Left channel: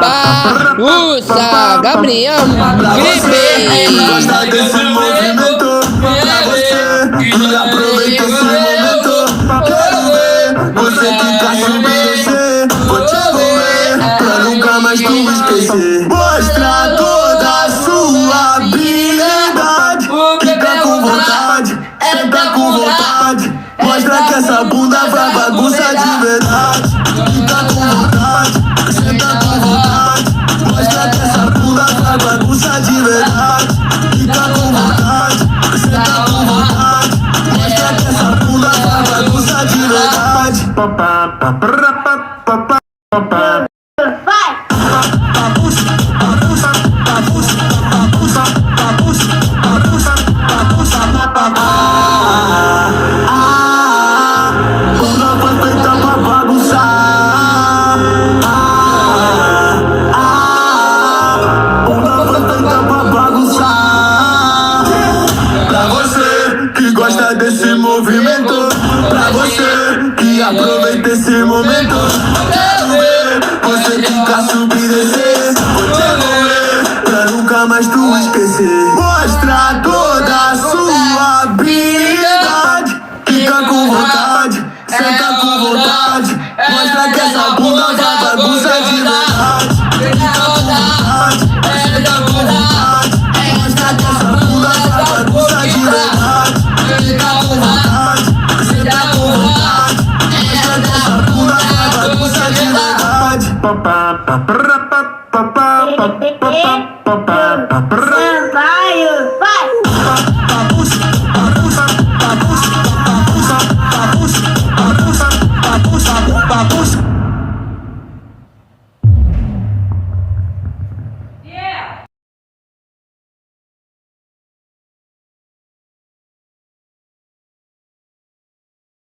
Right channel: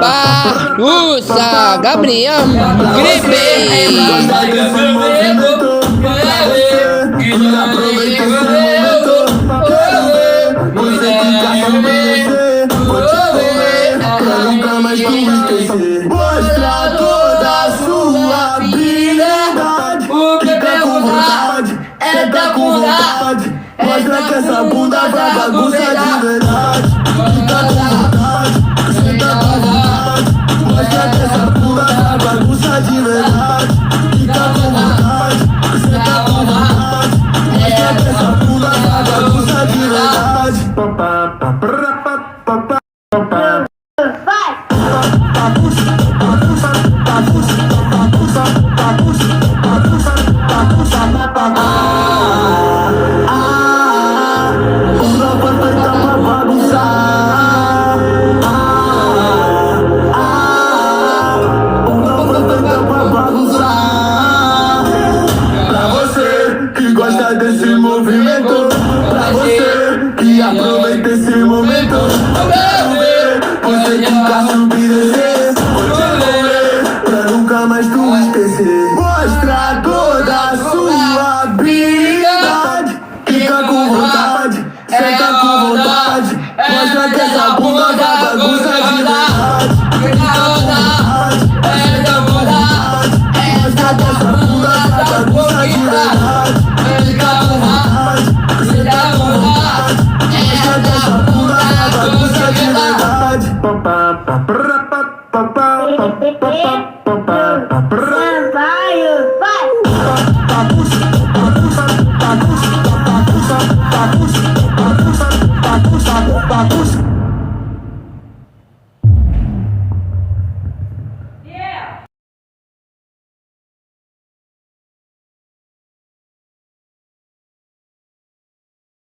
Bagunça, Gabriel Gripe. Mostra toda a sua habilidade. Fica com vontade, tá com vontade. Mostra que essa bunda vai bagunça de verdade. Fica com vontade, tá com vontade. Mostra que essa bunda vai bagunça de verdade. Fica com vontade, tá com vontade. Mostra que essa bunda vai bagunça de verdade.